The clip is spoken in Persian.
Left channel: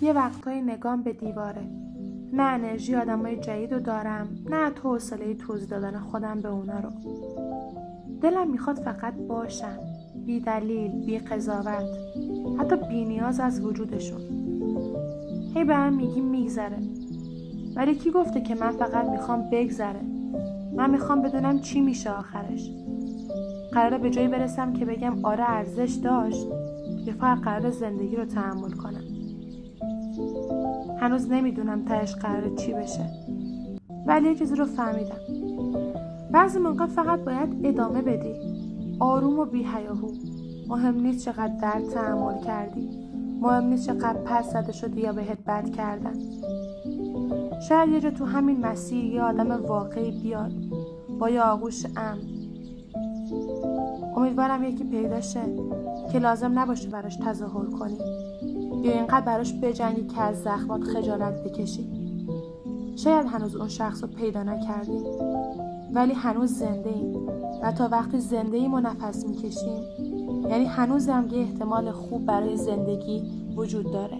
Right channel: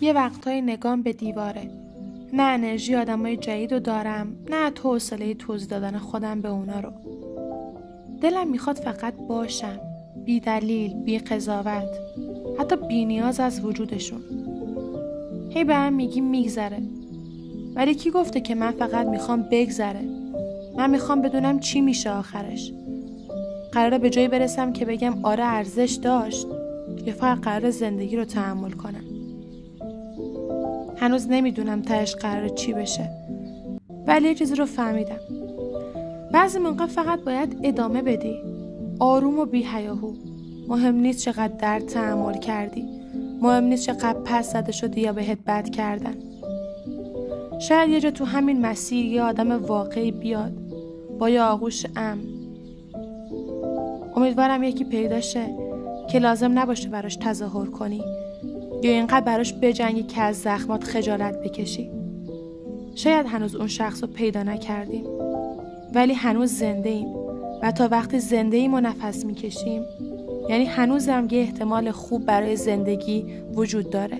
یه وقتایی نگام به دیواره. نه انرژی آدمای جدید رو دارم، نه حوصله توضیح دادن خودم به اونا رو. دلم میخواد فقط باشم، بی دلیل، بی قضاوت، حتی بی نیاز از وجودشون. هی به هم میگی میگذره، ولی کی گفته که من فقط میخوام بگذره؟ من میخوام بدونم چی میشه آخرش. قراره به جایی برسم که بگم آره ارزش داشت، یا فقط قراره زندگی رو تحمل کنم. هنوز نمیدونم تهش قراره چی بشه، ولی یه چیزی رو فهمیدم. بعضی موقع فقط باید ادامه بدی، آروم و بی هیاهو. مهم نیست چقدر درد تحمل کردی، مهم نیست چقدر پس زده شدی یا بهت بد کردن. شاید یه جا تو همین مسیر یه آدم واقعی بیاد با یه آغوش امن. امیدوارم یکی پیدا شه که لازم نباشه براش تظاهر کنی یا اینقدر براش بجنگی که از زخمات خجالت بکشی. شاید هنوز اون شخص رو پیدا نکردیم، ولی هنوز زنده ایم و تا وقتی زنده ایم و نفس میکشیم، یعنی هنوز هم یه احتمال خوب برای زندگی وجود داره.